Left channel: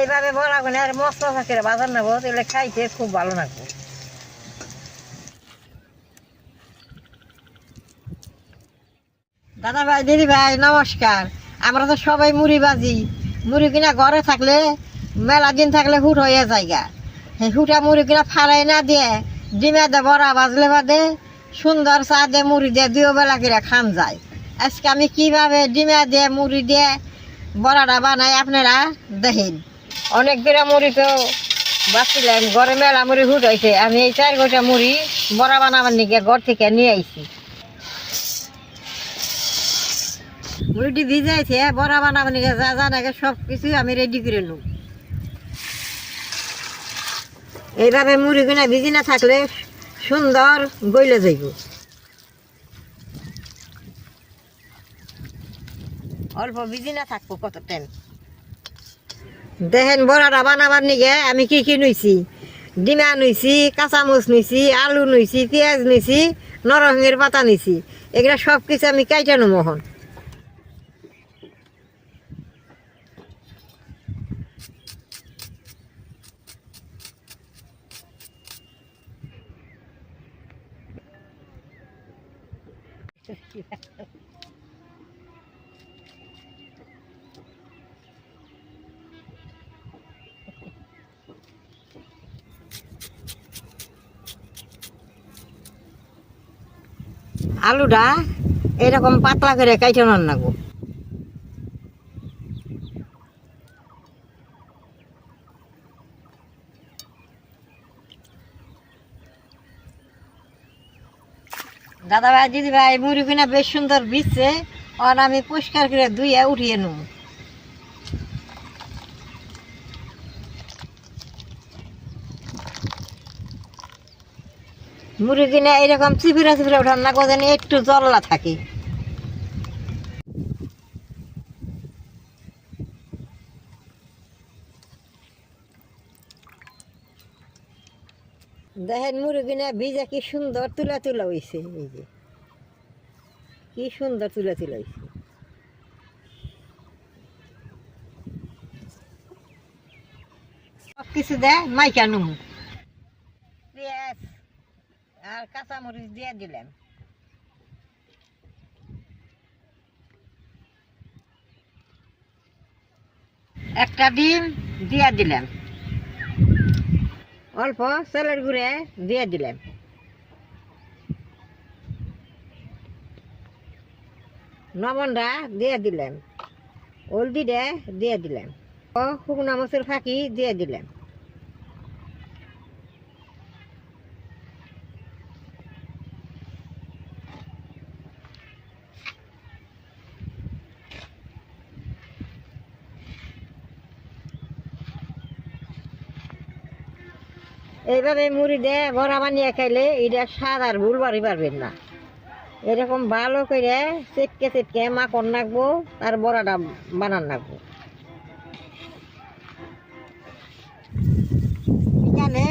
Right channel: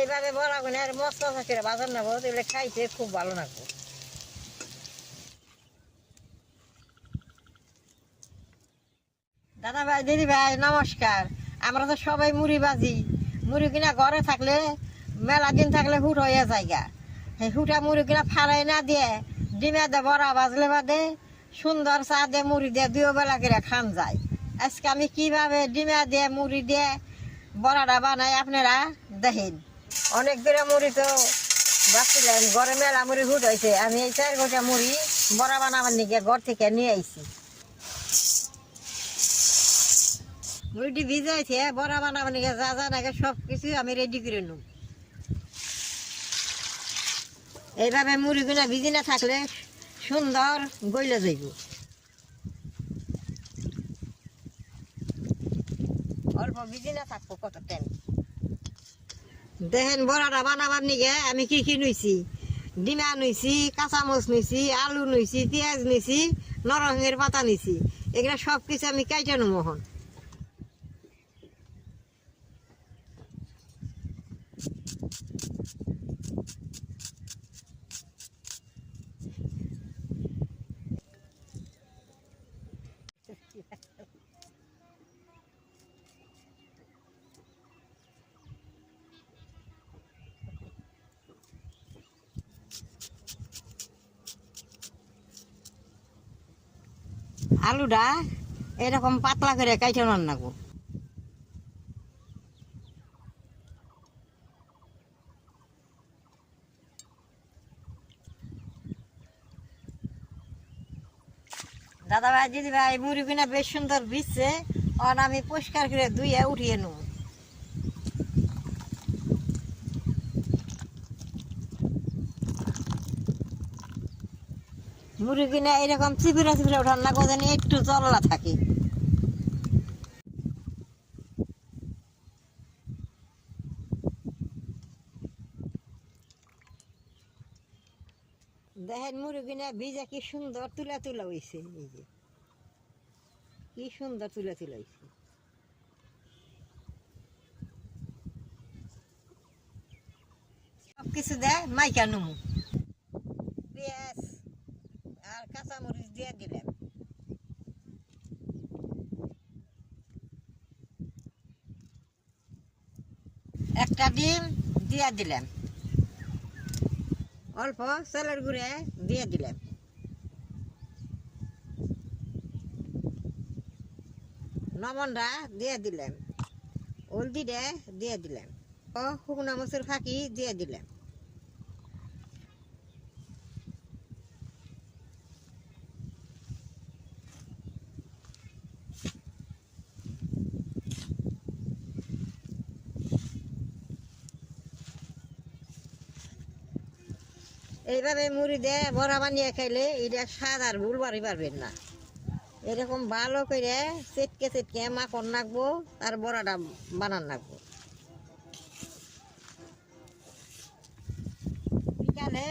এইভাবে বড়া করে আর মশলা থাকে বাজার নেব তাহলে খাইতে খুব ভালো লাগবে। দাদা ভাই, দিদি ভাই, নমস্কার। আমরা তো সবাই মুড়ি বাজি মুড়ি কিনা ঘরে থাকলে, মেলা দিন থাকলে হুট হয়ে যায়গা সেই হুটা মুড়ি কিনা ফাড়াই না দিয়ে, ডিমে দে, বড়া বাজলে বাদে, সুন্দর চা দিয়ে মুড়ি দিয়ে দুই বেলা করে খান যায়। আজকে আমি কীভাবে ডিমে দিয়ে, মুড়ি দিয়ে বড়াটা বানাই আপনারা দেখেন। অনেক করে মুড়ি তো বাঁচছিলাম ঘরে মেলা মুড়ি হুট হয়েছে। আমি এই চার গোটা মুড়ি বড়া বানাবার নিকে ঘর থেকে নিয়ে আইছি। মুড়িটি ভিজাইছে বড়া বানাবার নিকে যা যা নাকি সব কিছু আমি রেডি করে নেব। এইভাবে মুড়ি কিনা ভিজি না থাকলে সুন্দর গইলে যাইব। অল্প ভিজি না থাকব কত টাইম দেখেন বড়াটা বানাবার নিগে আমি কি কি নইছি? ডিমা নইছি কাঁচামচ নইছি, আলু নইছি, পেঁয়াজ নইছি, নরসিংহের পাতা নিছি এগুলা সব কিছু আমি কাইটানো মোহন আলুটা এরকম পাতলা করে কাইটানোর নাগো দাদা ভাই দিদি ভাই মুড়ি কিনা বেশ সুন্দর বিচ্ছে। আর আমি পরিষ্কার করে ধুয়ে উঠিয়ে নেব। মুড়ি কিনে এরকম চিপিরা চিপিরা ওঠার না যেন একটু জল্লা থাকে। দেখেন মুড়ি কিনে ভিজা কি সুন্দর তুলা তুলা হয়েছে এই যে। কি সুন্দর তুলা তুলা হয়েছে সব কিছু দেয় মাইকা নুমু পেঁয়াজ কাঁচামরিচ দিয়ে দিলাম একটা ডিম দিয়ে দিলাম অল্প চালের গুঁড়ে দিয়ে দিলাম লবণটা দিয়ে দিলাম হলদিটা দিয়ে দিলাম ও শুকনা মসুর ফাঁকি দিয়ে দিলাম এইভাবে মুড়ি দিয়ে বড়া বানিয়ে খাইলে এটা স্বাদ আর ভুল বাড়ি পারবেন না। এরকম ভালো করে চেটকে চেটকে মাখন নাকবো আর বড়াটা বানান নাকবো। বিকালে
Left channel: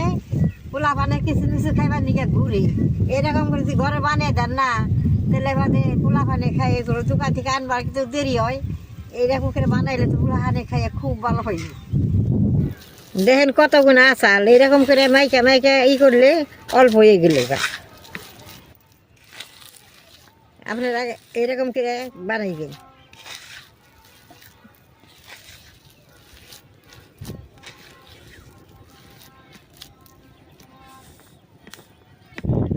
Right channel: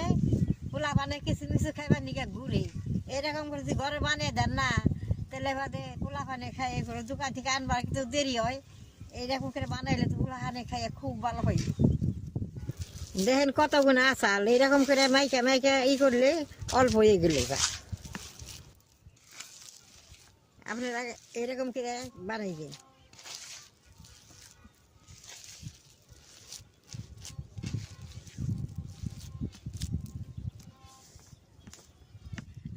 পোলা বানে কিছু কিছু খাইবার নিকে ঘুরি। এরকম করে যদি ঘরে বানিয়ে দেন না তাহলে বাদে পোলা পানে খাই এগুলো দোকান থেকে আনবার কিন্তু দেরি হয়। এইরকম করে বানাইলে তো পোলা হানে খাইয়ে খুব ভালো হয়। দেখেন কত গুণা আচাল, এরকম করে মাইকা মাইকা ই করলে অল্প হয়ে গেলে আপনারা এরকম করে বানাইবেন।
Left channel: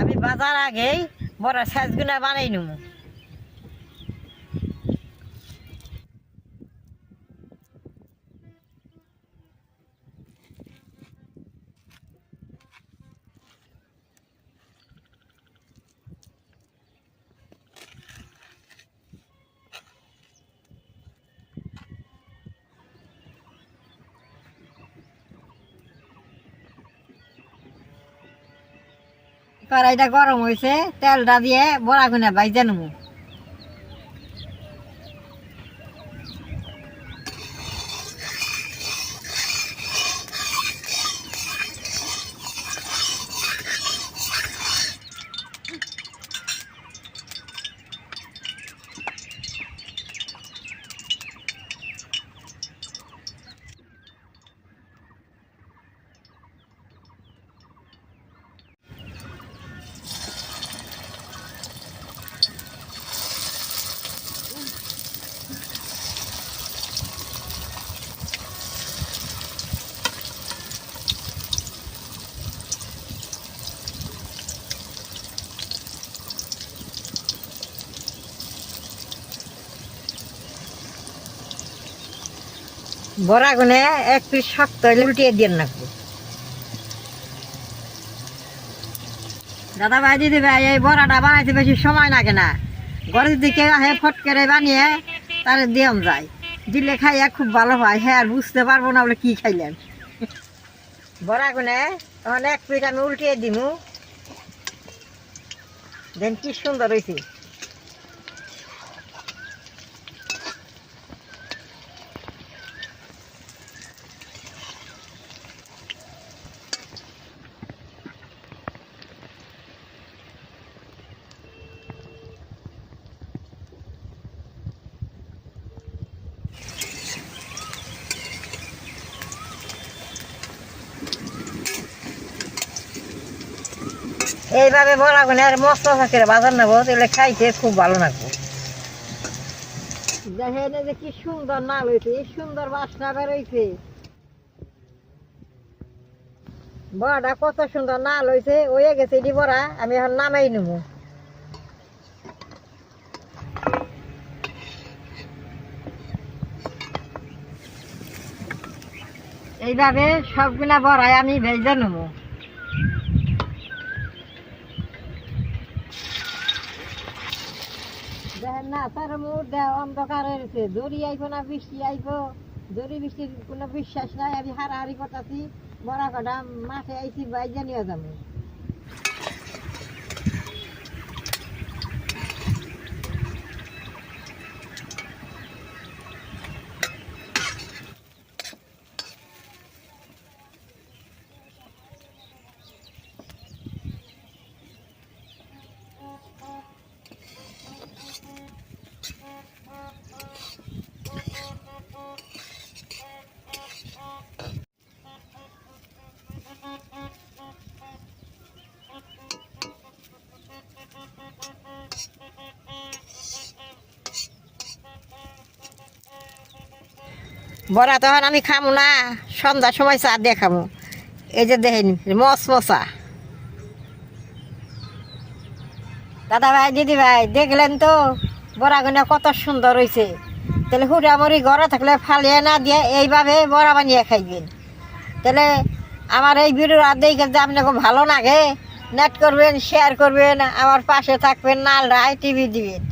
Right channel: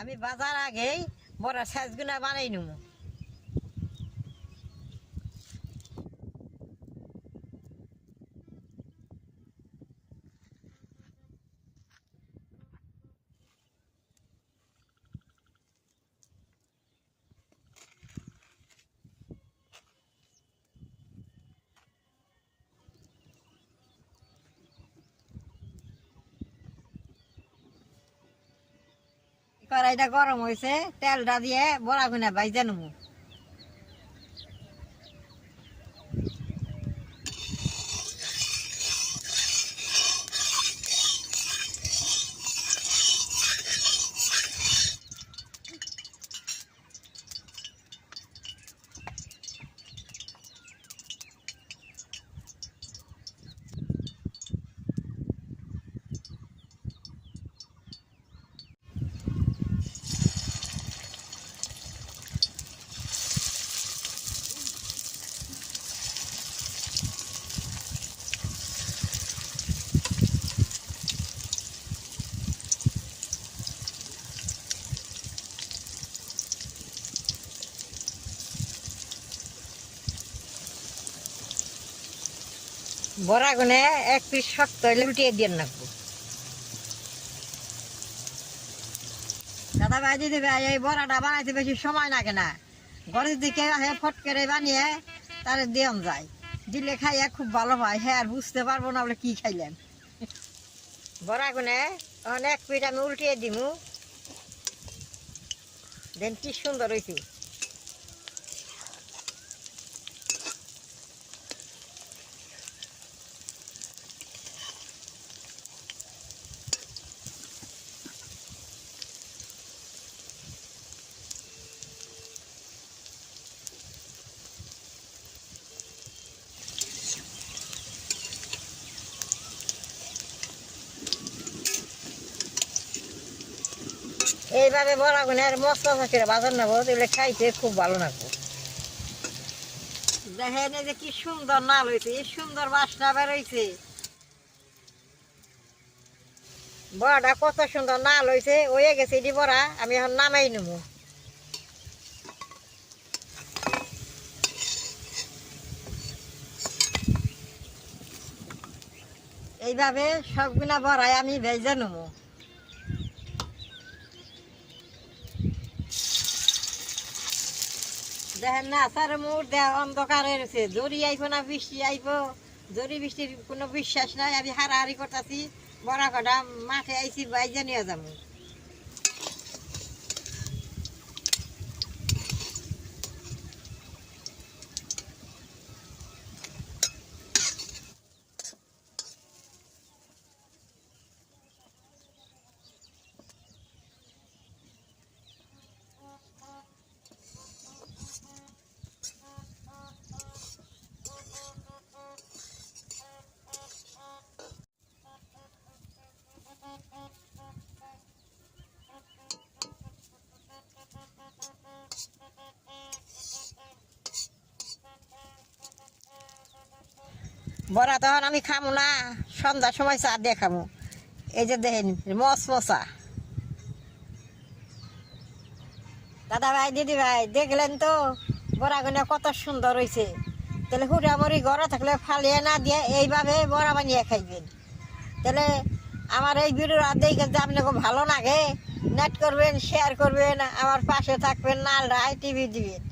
আমি বাজার আগেই বড় সাইজ গুনা বানাই নেব। কড়াইটা গরম হয়েছে তেলটা দিয়ে বড়া গুনা বাইজে নেব। বড়া গুনে এক পিস শক্ত হইলে উল্টিয়ে দিয়ে রাখব দাদা ভাই দিদি ভাই, এই বড়াটা বানাইতে বেশি সময় লাগে না। ঘরের দিকে হে ফট করে বানিয়ে তারে দিয়ন যায়। দিলে খাইয়া খুব ভালো হয়। হ্যাঁ আর বুঝতে পারব না বলে কি খাইলেন। বড়া গুনে তখন এক পিঠ আমি উল্টিয়ে দিমু। দেন কি সুন্দর হয়েছে এইভাবে বড়া গুনে আর মশলা থাকে বাজার নেব তাহলে খাইতে খুব ভালো লাগবে দেখেন এই যে কি সুন্দর নাল হয়েছে এই সুন্দর বাসনা বেরোইছে। বড়াটা কত সুন্দর নাল হয়েছে হয়ে গেছে এটি বড়া, আমি এখন নামাই নেব। এইভাবে সবগুলা বড়াই আমি ভেজে নেব। দেখেন না, স্যার দেহ অন্ধকার হয়েছে দড়ি আইব না, বৃষ্টি আইব। দড়ি বৃষ্টির কোনো বিশ্বাস নাই, আমি হারাহারি করতেছি। বড়া কটা, মাঠে আইছি, বাইজা যাব। বড়া তখন আমি খামু না, সন্ধ্যার সময় চা দিয়ে খামু। এই যে দেখেন মস মশা দাদা ভাই, দিদি ভাই, দেখলেন তো? বড়াগুলো কত সুন্দর হয়েছে তাহলে হুড়া মুড়ি ঘরে থাকলে ফালিয়ে না দিয়ে এইভাবে বড়া বানিয়ে খাইবেন। তাহলে আমার এই ভিডিও আর দেখে যদি আপনাকে ভালো লাগে নেট করবেন শেয়ার করবেন, আমার পাশে থাকবেন নাল রায় টিভি দিবেন।